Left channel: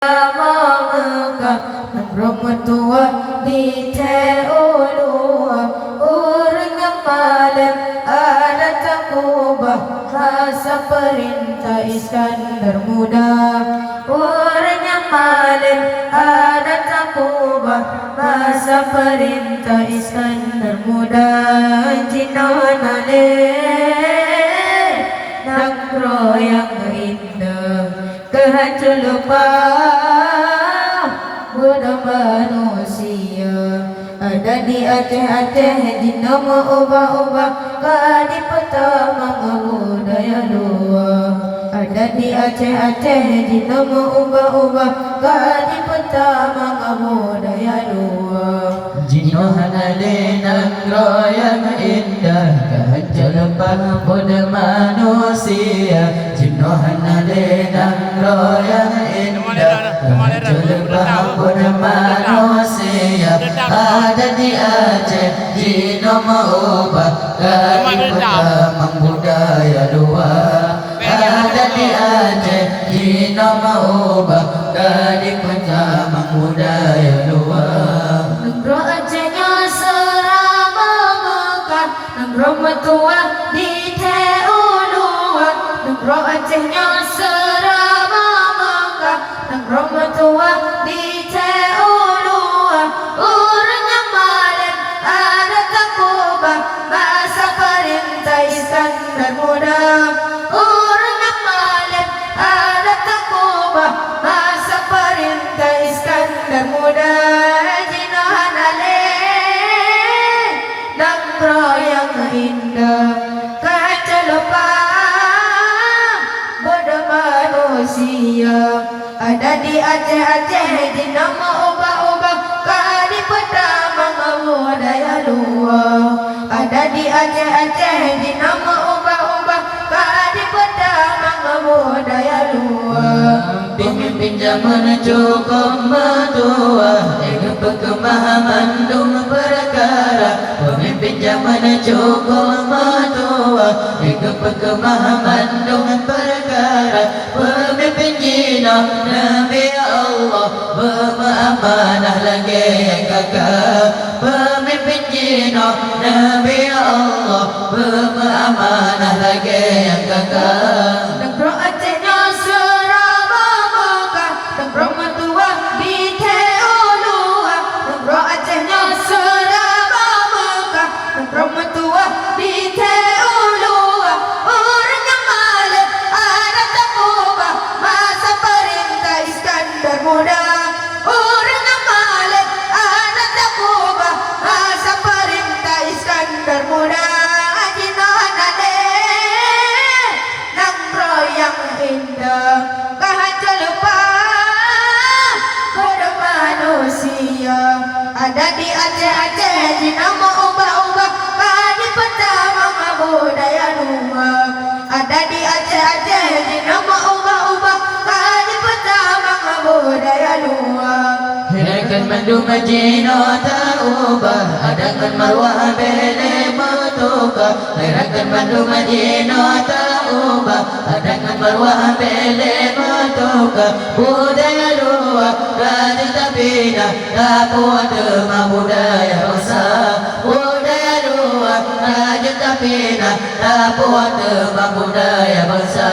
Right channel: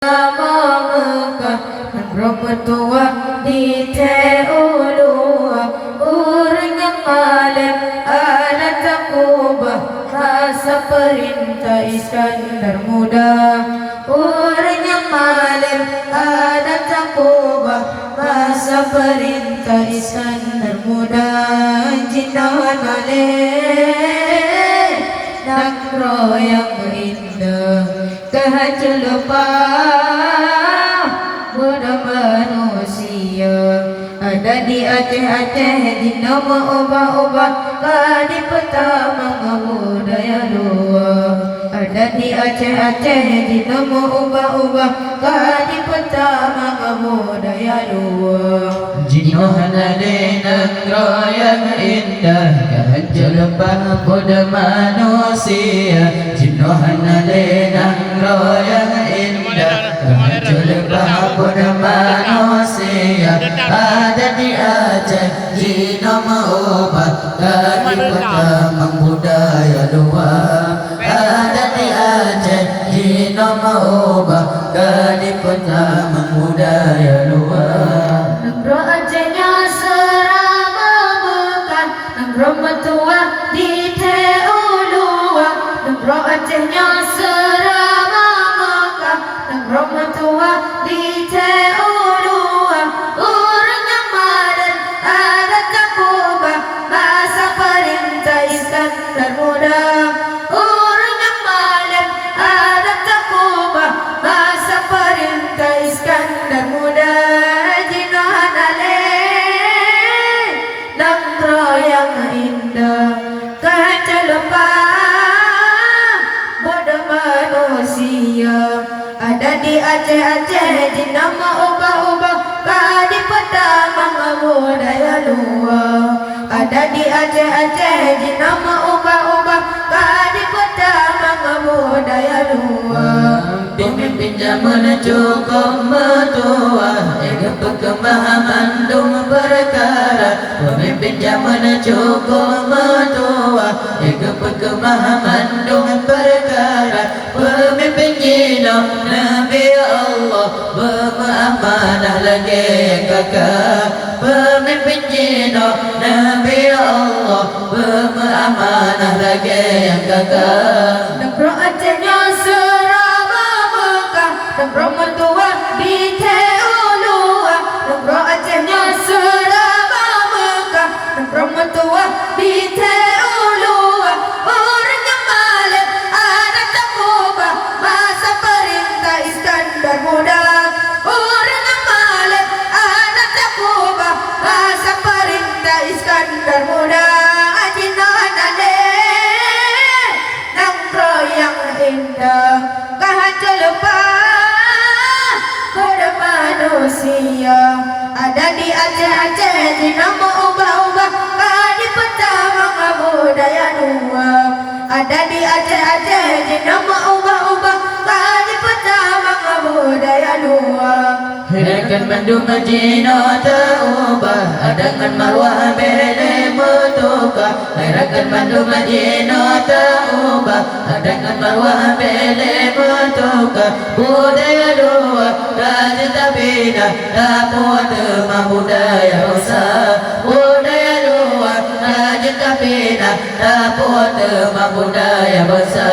Mekah Rometua di Teolua Orang yang malam ada takubah Rasa perintah Iskandar muda Orang yang malam ada takubah Rasa perintah Iskandar muda Jinanale Nakro yang indah Kehancur lupa Budak manusia Ada di Aceh-Aceh Di nama ubah-ubah Kadi pertama budaya luar Ada di Aceh-Aceh Di nama ubah-ubah Kadi pertama budaya luar Jinohan adena yang indah Kehancur lupa budak manusia Jinohan adena yang indah Kehancur lupa budak manusia Ada di Aceh Jino mengubah Kadi pertama budaya luar Ada di Aceh Jino mengubah Kadi pertama budaya luar Negro Acehnya serama Mekah Negro Metua di Teolua Negro Acehnya serama Mekah Negro Metua di Teolua Orang yang malam ada takubah Masa perintah Iskandar muda Orang yang malam ada takubah Masa perintah Iskandar muda yang indah Kehancur lupa Bodoh manusia Ada di Aceh-Aceh Di nama ubah-ubah Kadi pertama budaya luar Ada di Aceh-Aceh Di nama ubah-ubah Kadi pertama budaya luar Pemimpin zaman cukup metua Ego pemahaman dong perkara Pemimpin zaman cukup metua Ego pemahaman dong perkara Pemimpin jino Nabi Allah Bermahamanah lagi kakak Pemimpin jino Nabi Allah Bermahamanah lagi kakak Negro Acehnya serama Mekah Negro Metua di Teolua Negro Acehnya serama Mekah Negro Metua di Teolua Orang yang malam ada takubah Masa perintah Iskandar muda Orang yang malam ada takubah Masa perintah Iskandar muda yang indah Kehancur lupa Bodoh manusia Ada di Aceh-Aceh Di nama ubah-ubah Kadi pertama budaya dua Ada di Aceh-Aceh Di nama ubah-ubah Kadi pertama budaya dua Hirakan mandu majino terubah Adangan marwah bele mutuka Hirakan mandu majino terubah Adangan marwah bele mutuka Budaya dua Raja tabina Dapuan demam budaya rosa Budaya dua Raja tabina Dapuan demam budaya rosa